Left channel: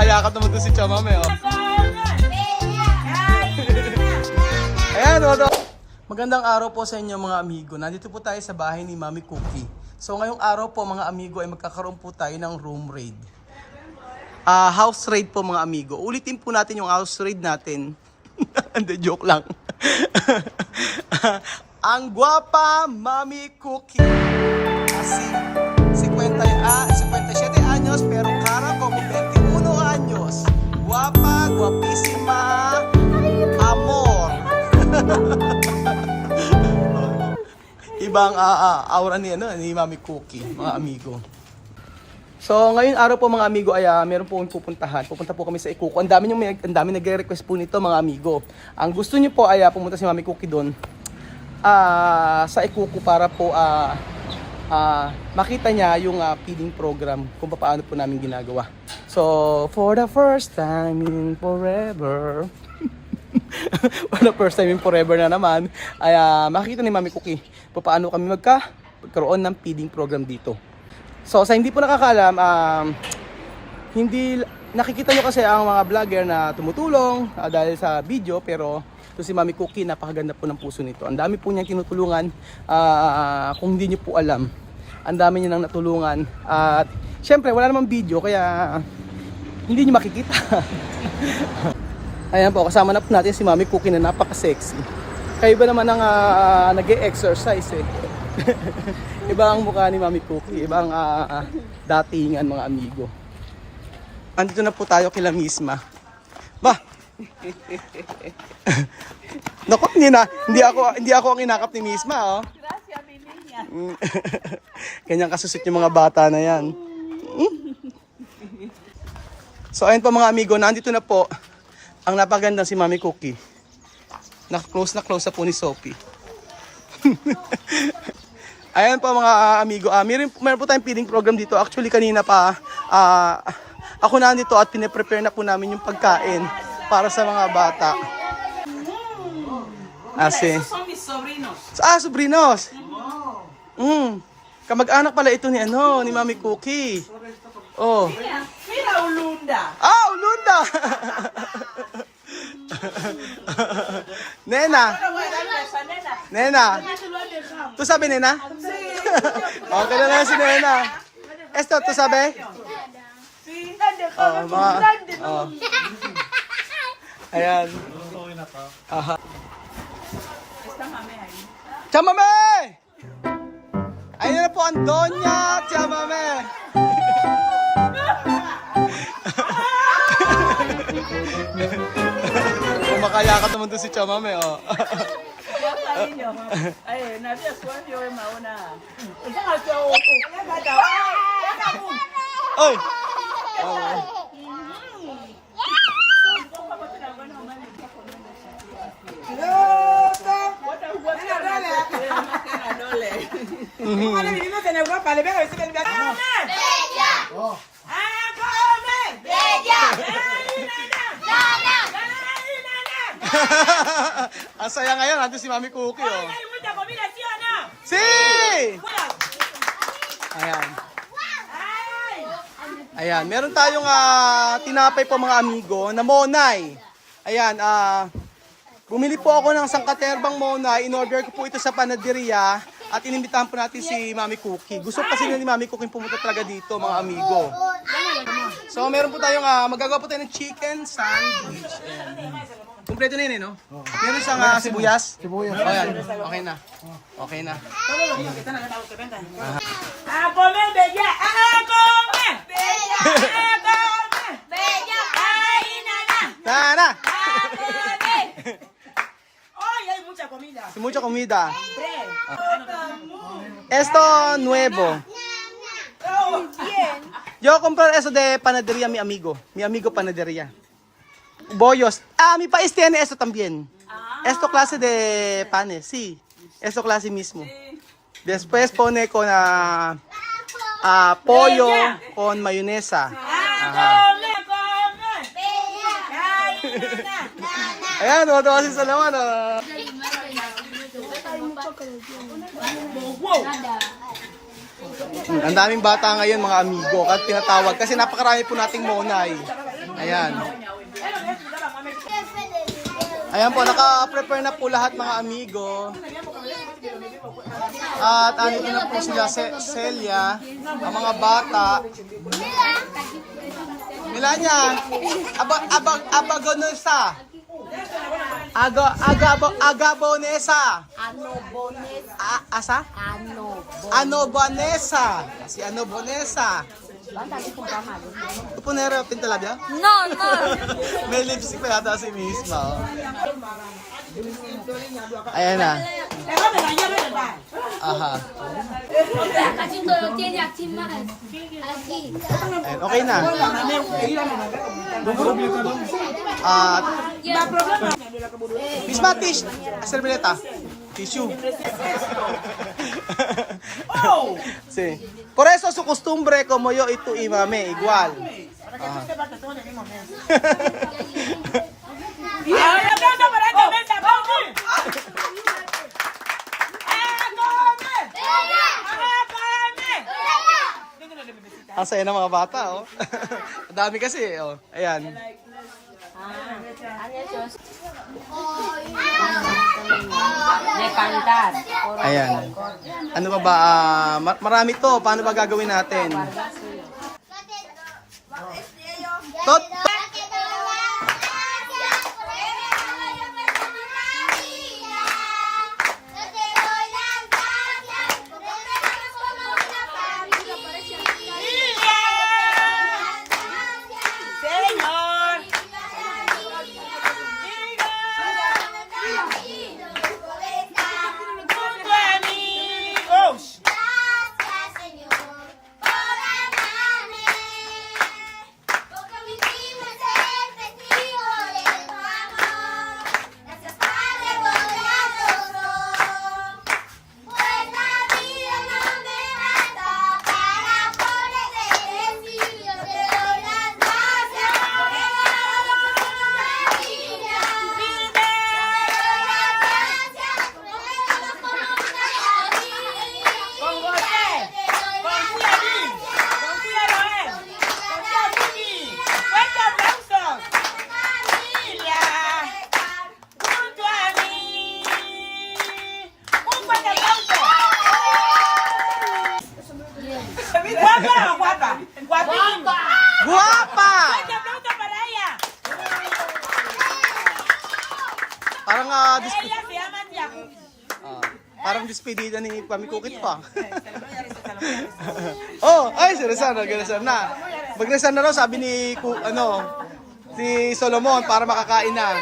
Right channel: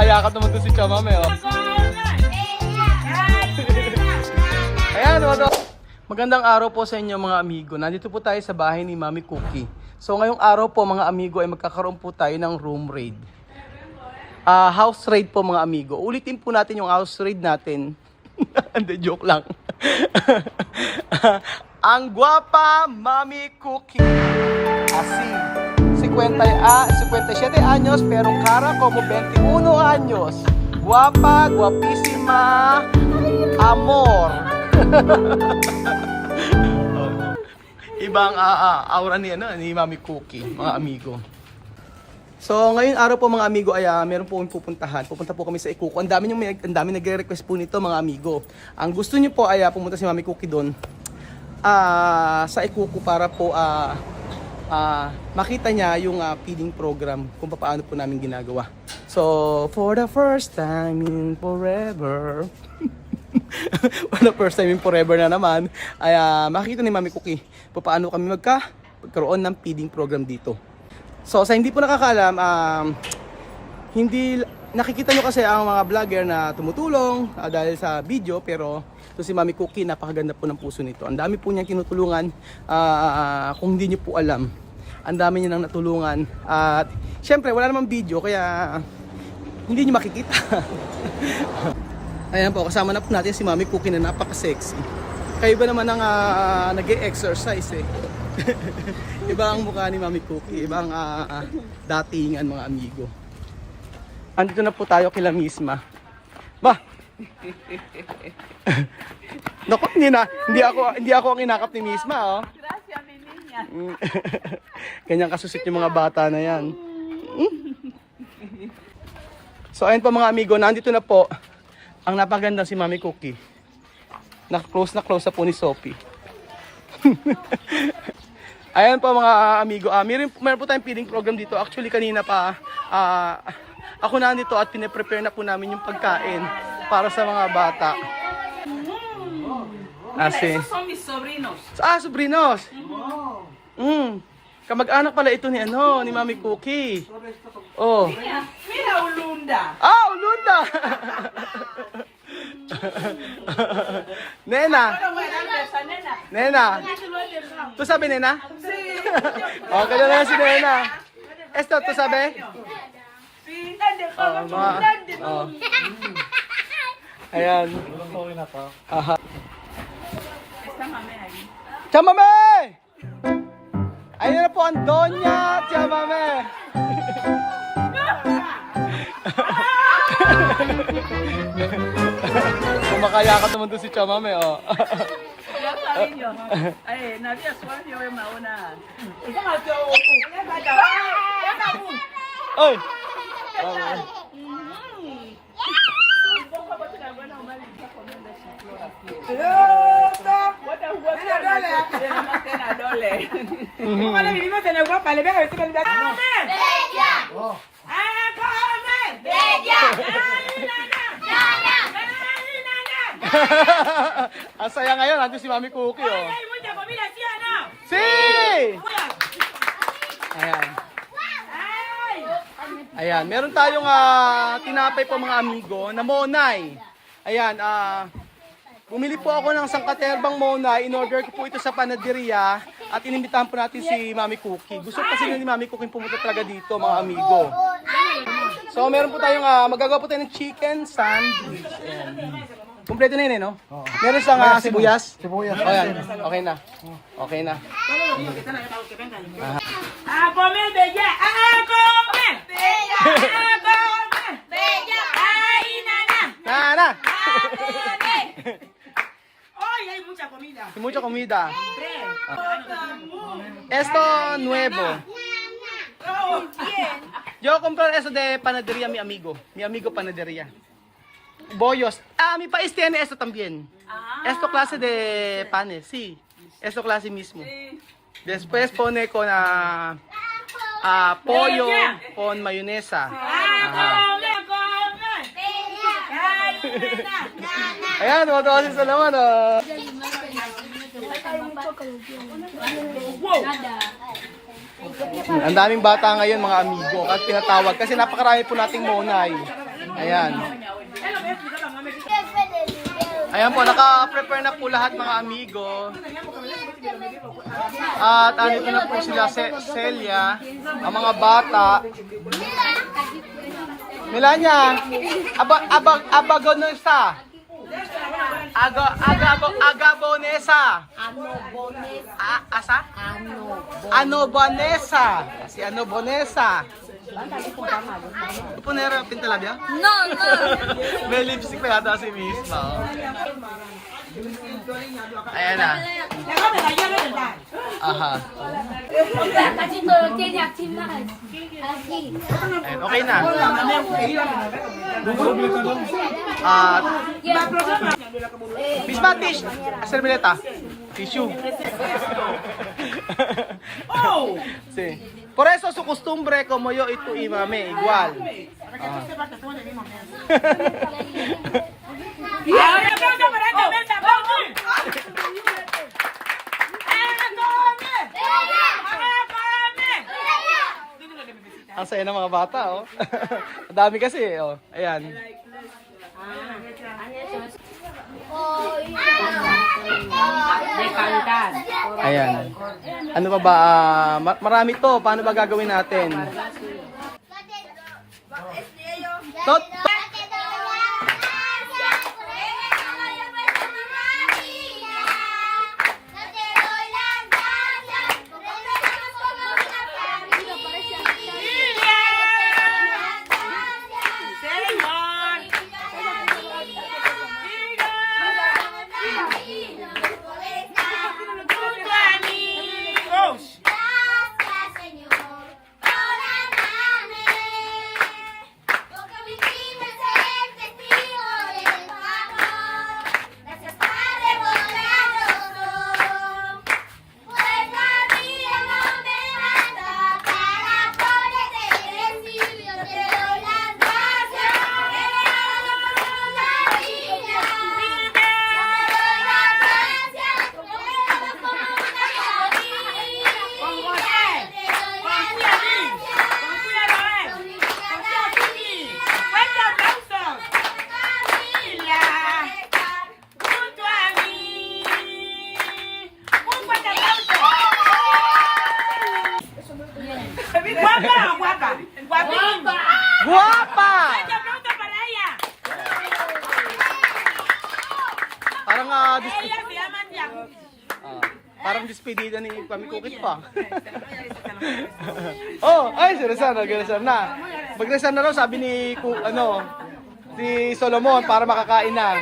Kumakayakap naman doon si Chamame, oh. Ayan, oh. Magandang araw po sa inyo mga amigo. Nandito po tayo sa bahay ni Mami Cookie. So ngayong araw po mga amigo ay magkakaroon po tayo ng room raid. House raid po mga amigo. Ulitin po natin yung house raid natin. Hindi, joke lang. Ang guwapa Mami Cookie. Así. 57 años pero cara como 21 años. Guapa, guapísima, amor. Ibang aura ni Mami Cookie, mga amigo. So, ngayong araw po mga amigo ay meron po akong pupuntahan. Pupunta po kami sa Ikuko. Ang dami nagre-request po nito mga amigo. Ang gusto niyo po ay pumunta si Mami Cookie doon sa Ikuko para po makita niya yung feeding program kung paano po namin ginagawa. So, for the first time in forever, for the first time in forever na naman, ay makita ni Mami Cookie paano kami magkaroon ng feeding program dito. So, sa hindi po nakakaalam, hindi nakikita nyo kasi ang mga vlogger na tumutulong dahil sa video, pero ito si Mami Cookie, napakaganda po ng puso nito. Ang dami po niyang tinutulungan, kung hindi nyo po alam. Ang dami niya nang natulungan. At syempre, wala namang video, kaya hindi nyo makikita. Ayan po, kasama na po natin si Mami Cookie na napaka-sexy. Kayo ba naman ang nag-e-exercise eh. Iba ang mukha ni Mami Cookie, iba ang datingan mga amigo. Andito na po tayo kila misma. Ba! Naku, hindi ako ang inakap ni misma, oh. Gracias, mi niña. Kanyang kasusit yung mga bata na yan. So ayun po mga amigo, nandito na po ang napaganda si Mami Cookie. Na-close na po ni Sophie. Ayan po mga amigo, meron po tayong feeding program dito. Actually kanina pa ako nandito at pine-prepare na po namin yung pagkain para sa mga bata. Esos son mis sobrinos. Sobrinos. Kamag-anak pala ito ni Mami Cookie. Oh. Mira, Ulunda. Ulunda. Nena. Bueno, voy a darle a esa nena. Nena. ¿Tú sabes, nena? Sí. Okay na lang si Nena. Esto, ¿tú sabes? Sí, nene, Oh, mga. Oh. Ayan. Aha. Está mame ahí. Chamame! Ayun na po ang Doña Chamame. Kumakayakap naman doon si Chamame, oh. Ya está, niño. Nadia suave hoy mauna. Esa no te hago. Oy! Cuando vivimos en Europa, le vengo a decir que ¡Come! ¡Bella! ¡Come! ¡Bella! Ang saya ngayon, nandun si Mami Cookie, oh. ¿Hay mucha comida, sí o no? Si! Ayan. Ayan, meron tayong tinapay po mga amigo na monay. Ayan, bumili po ako ng sangkaterbang monay. In-order ko po ito sa panaderia at inimbitahan po natin si Mami Cookie. Gusto kasi ni Mami Cookie pumunta talaga dito mga amigo. So, meron po tayong, magagawa po tayo ng chicken sandwich. Kompleto na yun no? Meron siyang sibuyas? Sibuyas. Oh, yan. Okay na. Okay na. ¡A comer, bella! ¡A comer! ¡Bella! ¡A comer! ¡Bella! ¡Ay, nana! Nana! ¡Hoy hay mucha comida! Mucha comida. ¡Tres! Esto nuevo. ¡Oh, bien! Yo compré eso de panadería mi amigo. Mi amigo panadería. Bollos. Mi país tiene eso también. Esto clase de panes, sí. Esto clase mismo. Después pone con pollo con mayonesa. Ajá. Ayan, tuwa si Salaman. Ang daming bata ngayon mga amigo at pinatawag kasi napakarami po nating monay. Ayan. Ayan po, naka-prepare na po lahat mga amigo. At andito na po sila Celia, ang mga bata. Melania, Abagonesa. Agabonesa. Asa? Ano Bonesa. Si Ano Bonesa. Pupunero pintalabya? No, no. May lipstick pa yata si Miss Ma. Ayan na. Aha. Kasi to, tiyak timas. Lagi. Ayan, okay na. At Miss Ma, servileta. Tissue. Sí. Por eso su costumbre como yo y tú y mami igual. Ajá. Ang saya ng mga bata, oh. Ang dami kasi, oh. Ayan. Ayan. Ano pa ba? Marami to. Paano ba gagawin natin? Tot! Guwapa! Parang parang despedida ni Pamikukit pa. Oh, ay seryoso, nag-resan na. Mag-resan na raw sabi ni si Solomon para makakain na.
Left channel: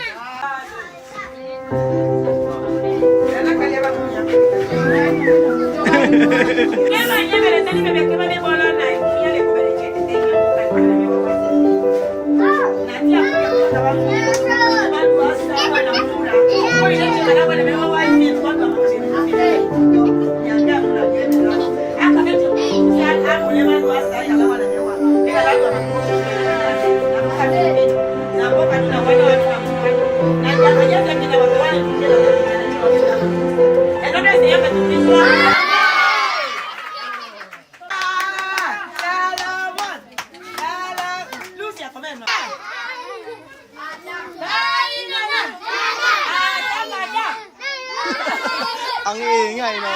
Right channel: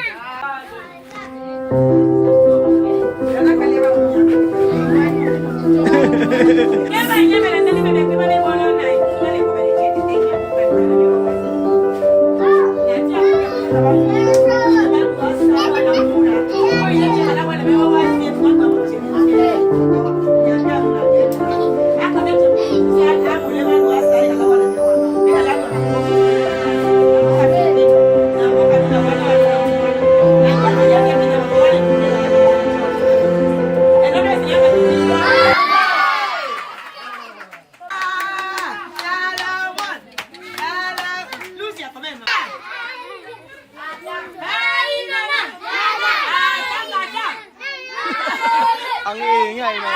Ang iingay, no?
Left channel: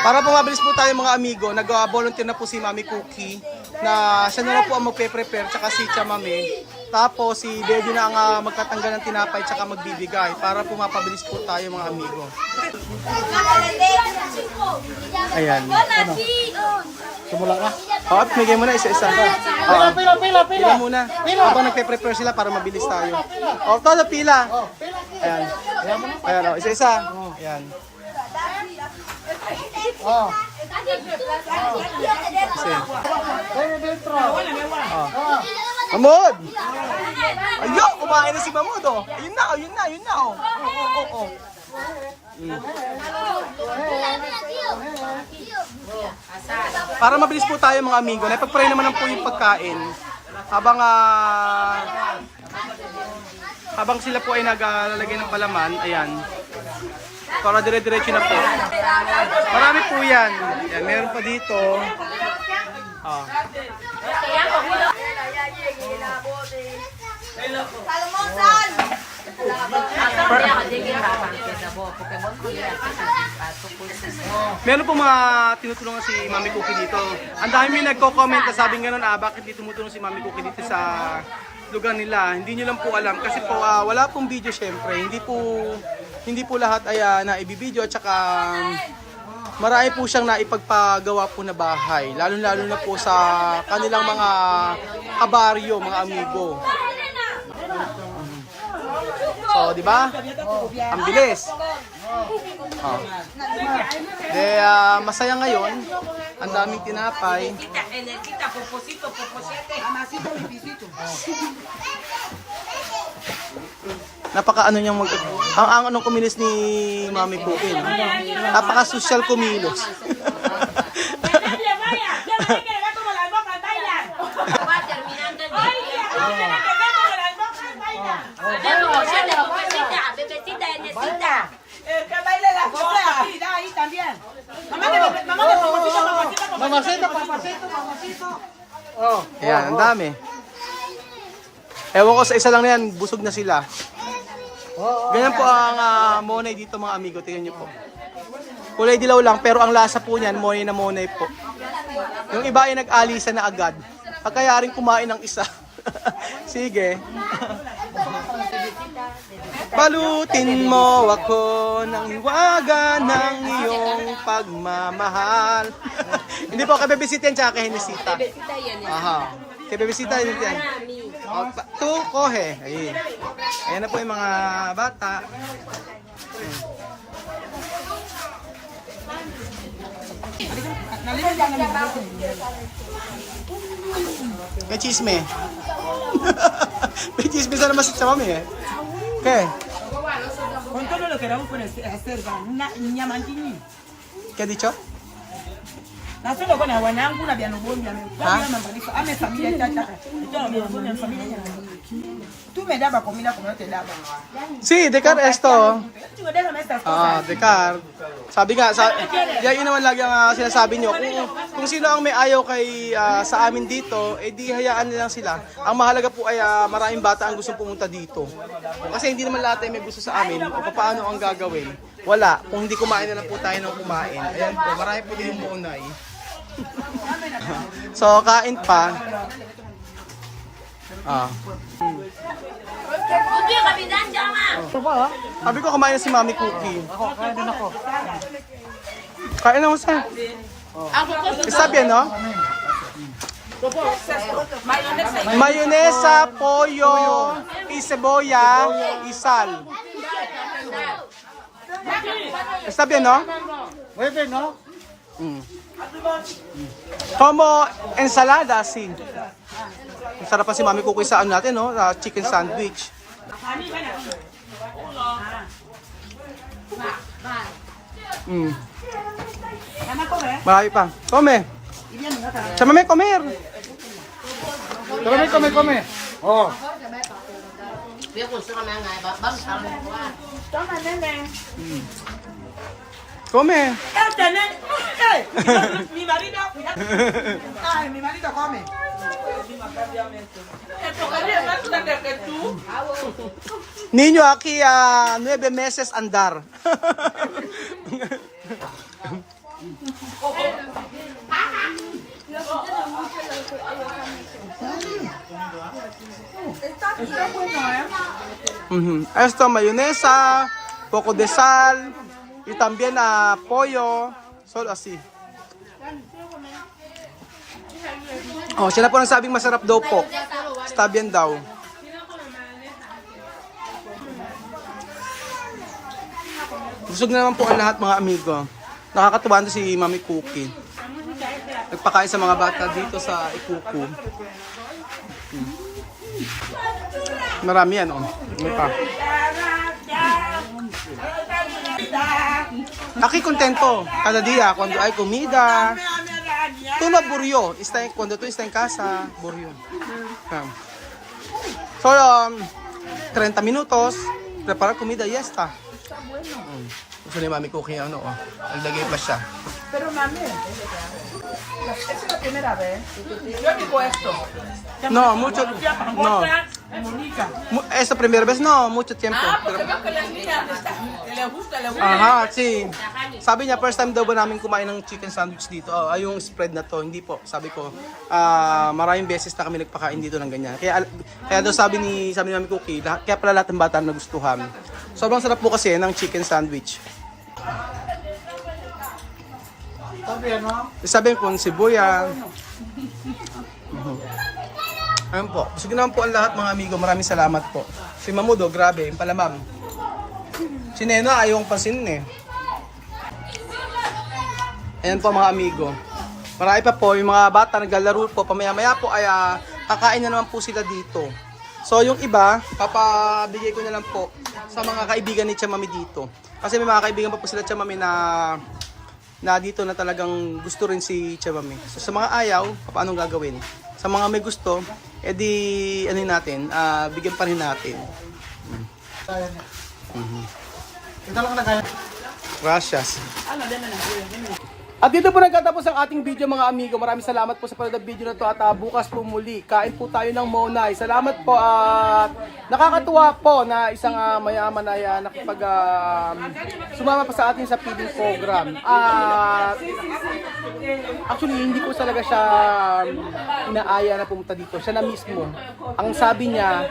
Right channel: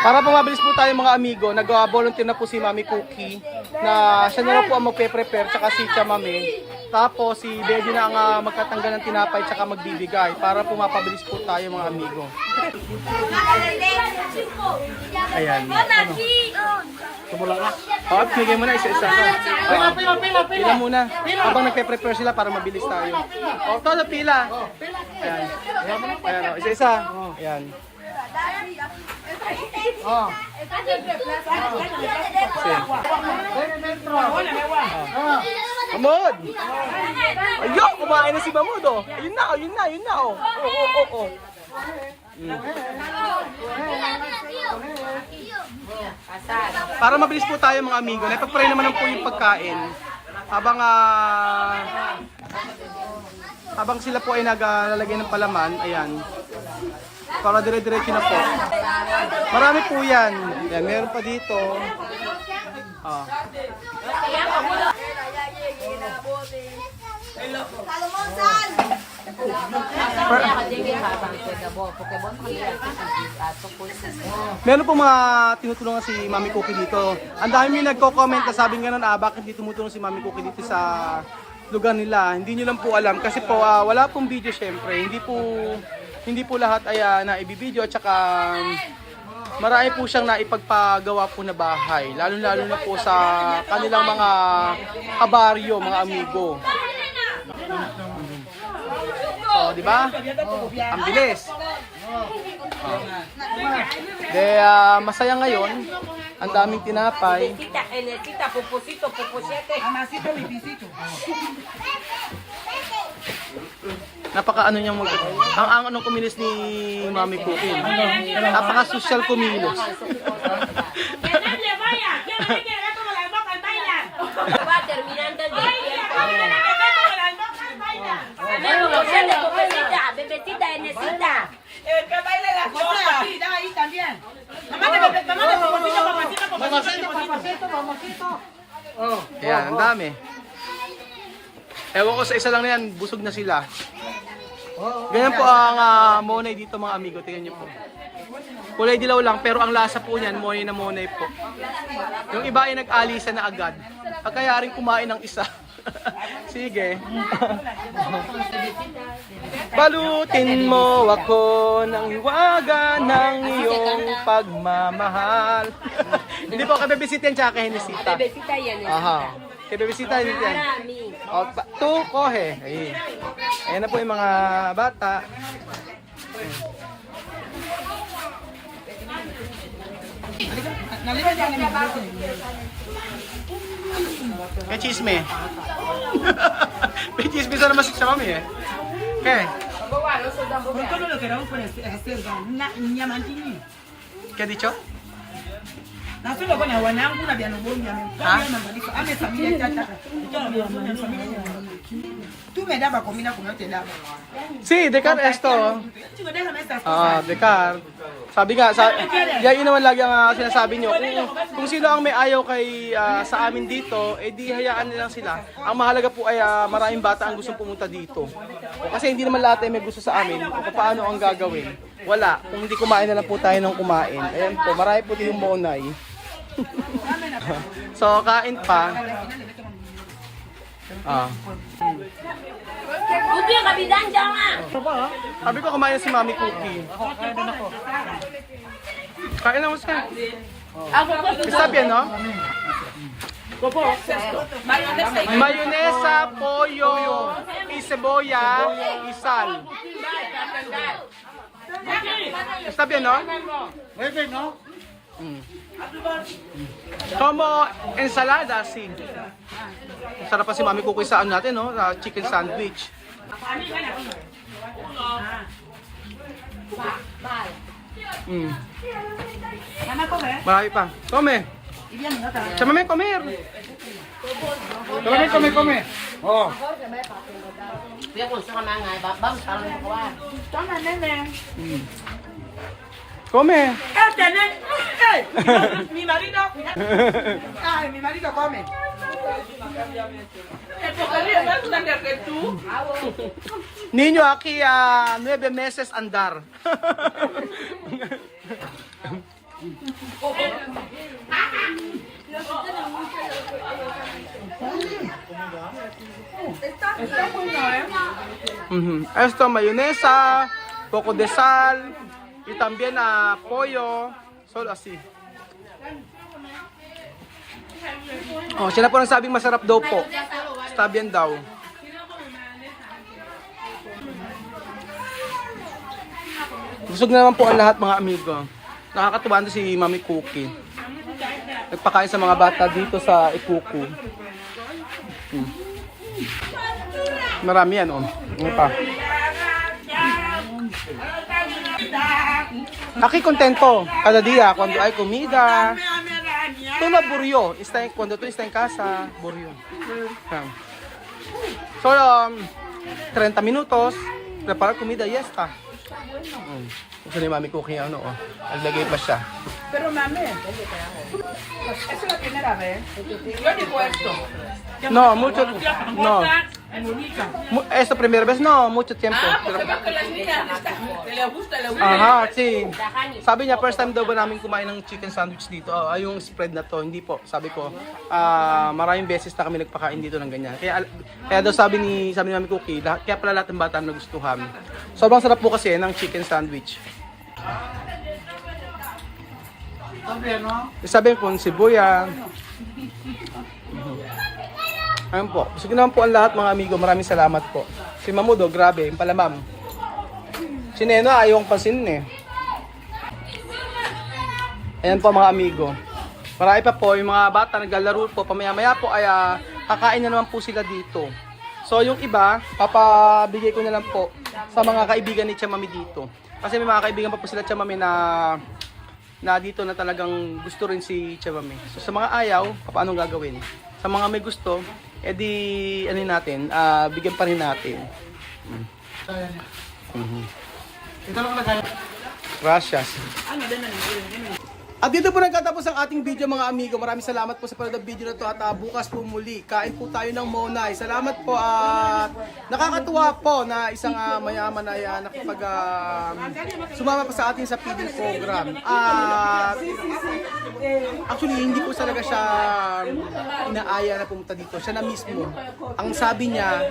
Para po mabilis po tayo mga amigo, nag-volunteer na po si Mami Cookie na siya na lang po ang magpe-prepare tsaka si Tia Mami. Tapos si Baby na ang magtatanggal ng tinapay tsaka magbibigay para po mapabilis po tayo mga amigo. Ayan. Simulan ka. Oo, bigay mo na isa-isa ka. Pila muna. Habang nagpe-prepare sila para mabilis tayo. O, todo pila. Ayan. Ayan, o, isa-isa. Ayan. Oh. Kasi. Mahmud! Ayun, kumain na si Mahmud, oh. Ayun na, oh. Oh. Para mabilis po tayo mga amigo, napag-pray naman po yung pagkain. Habang habang sila po ay naglalagay ng palaman, ayan, para dire-diretso na po. Marami po yan. Yan, meron pa dito. Ah. Meron po mga tinutulungan si Mami Cookie dito. Ang dami nagko-comment na sabing ganun, bakit di tumutulong si Mami Cookie dito sa lugar nila. Hindi nyo lang po alam kasi po wala pong video syempre. Hindi po lahat ay naibibideo at saka marami po siyang naipagpagawa po na bahay. Lalo-lalo na po sa kanilang mga kabaryo, mga amigo. So, di ba? Ang bilis. Oh. Masaya ngayon. Ang daming tinapay. Kita, puposito, puposete. Anasito, libisito. Napaka ano niyang ang anong kumilos ni Mami Cookie. Napaka social kumilos. Que baile la cosa. Ahí también. Mamá, papacito. Oh. Ayan, ang dami. Ewan ko sa isa lang na yan, busog na sila. Ganyan po ang monay dito mga amigo, tingnan niyo po. Kulay dilaw lang pero ang lasa po niyan, monay na monay po. Yung iba ay nag-alisa na agad. Kaya rin kumain ng isa. Sige. Balutin mo ako ng hiwaga ng iyong pagmamahal. Hindi po, kay Bebesita yan tsaka kay Henesita. Aha. Kay Bebesita yan. O, tu, kohe. Ayun. Ayan na po yung mga bata. May chisme. May chisme sa naman sa mami eh. Okay. Con todo lo que era un hacer, niña mantini. ¿Qué ha dicho? Naso lo con agua nangu na biano bonya me. Ame familia tata. Familia. Tú me daba comida como yo te daba. Sí, Decar esto. Decar. Sabi nga, yun naman lagi ang sinasabi nyo. Kung sino ang may ayaw kay sa amin dito, di hayaan nilang sila. Ang mahalaga po ay maraming bata ang gustong pumunta dito. Kasi hindi naman lahat ay may gusto sa amin. O paano ang gagawin? Wala. Kung hindi kumain na lang po tayo ng kumain. Ayan po, marami po din yung monay. So, kain pa. Cookie, kapitan, jangan. Sabi ko kumain na si Mami Cookie. Kain na mo sa. Sabi no? Mayonesa, pollo, cebolla, sal. Sabi no? Como ensalada, sí. Sarap pa si Mami Cookie sa ano natin, no? Chicken sandwich. Marami pa. Come. Sa mami, comer. Come. Oh. Toma, nene. Come. Mi marido. Ay, mi marido come. Niño aquí 9 meses andar. Está buena, Esto, mayonesa, poco de sal, y también pollo, solo así. Oh, siya na po nagsabing masarap daw po. Está bien daw. Busog na naman po ang lahat mga amigo. Nakakatuwa na si Mami Cookie. Nagpakain sa mga bata dito sa Ipuku. Marami yan, oh. Ano pa? Aquí contento cada día cuando hay comida. Tú no aburrió, cuando tú estás en casa, aburrió. So, 30 minutos, preparar comida, yesta. Gusto ni Mami Cookie ano, oh. Naglagay pa siya. Pero mami, esa es la primera vez. Yo digo esto. No, mucho, no. Mónica. Esta primera vez, no, mucho tiempo. Ah, Pero, porque veo que las niñas les gusta. aha, si. Sabi niya, first time daw ba namin kumain ng chicken sandwich dito? Yung spread na to, hindi po. Sabi ko, maraming beses na kami nagpakain dito ng ganyan. Kaya daw sabi ni Mami Cookie, kaya pala lahat ng bata nagustuhan. Sobrang sarap po kasi ng chicken sandwich. Sabi ko, sibuyas. Ayun po. Sige naman po ang lahat mga amigo. Maraming salamat po. Si Mamudo, grabe. Yung pala ma'am. Si Neno, ayaw kong pansinin eh. Ayan po mga amigo. Marami pa po. Yung mga bata naglalaro po. Pamaya-maya po ay kakain na naman po sila dito. So yung iba, papabigay ko na lang po sa mga kaibigan ni Tia Mami dito. Kasi may mga kaibigan pa po sila Tia Mami na dito na talagang gusto rin si Tia Mami. So sa mga ayaw, paano gagawin? Sa mga may gusto, edi ano natin, bigyan pa rin natin. Gracias. At dito po nagtatapos ang ating video mga amigo. Maraming salamat po sa panonood ng video na to at bukas po muli. Kain po tayo ng Monay. Salamat po at nakakatuwa po na isang mayaman ay sumama pa sa atin sa feeding program. At actually hindi ko talaga siya inaaya na pumunta dito. Siya na mismo. Ang sabi niya,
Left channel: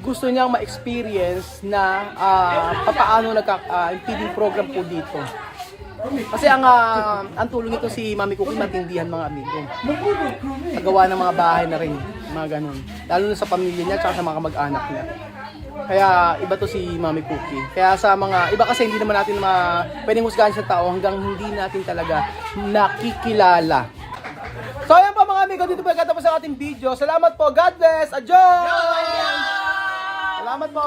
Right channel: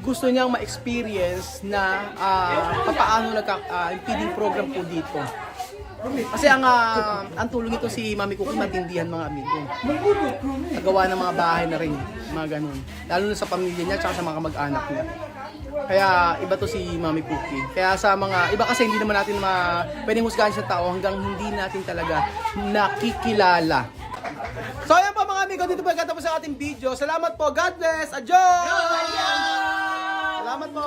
gusto niyang ma-experience na papaano feeding program po dito. Kasi ang tulong nito si Mami Cookie matindihan mga amigo. Nagawa ng mga bahay na rin, mga ganun. Lalo na sa pamilya niya at sa mga mag-anak niya. Kaya iba to si Mami Cookie. Kaya sa mga iba kasi hindi naman natin pwedeng husgahan sa tao hanggang hindi natin talaga nakikilala. So ayan po mga amigo, dito po nagtatapos ang ating video. Salamat po, God bless, adios! Salamat po!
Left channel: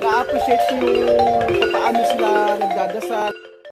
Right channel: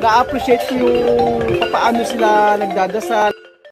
Na-appreciate ko yung paano sila nagdadasal.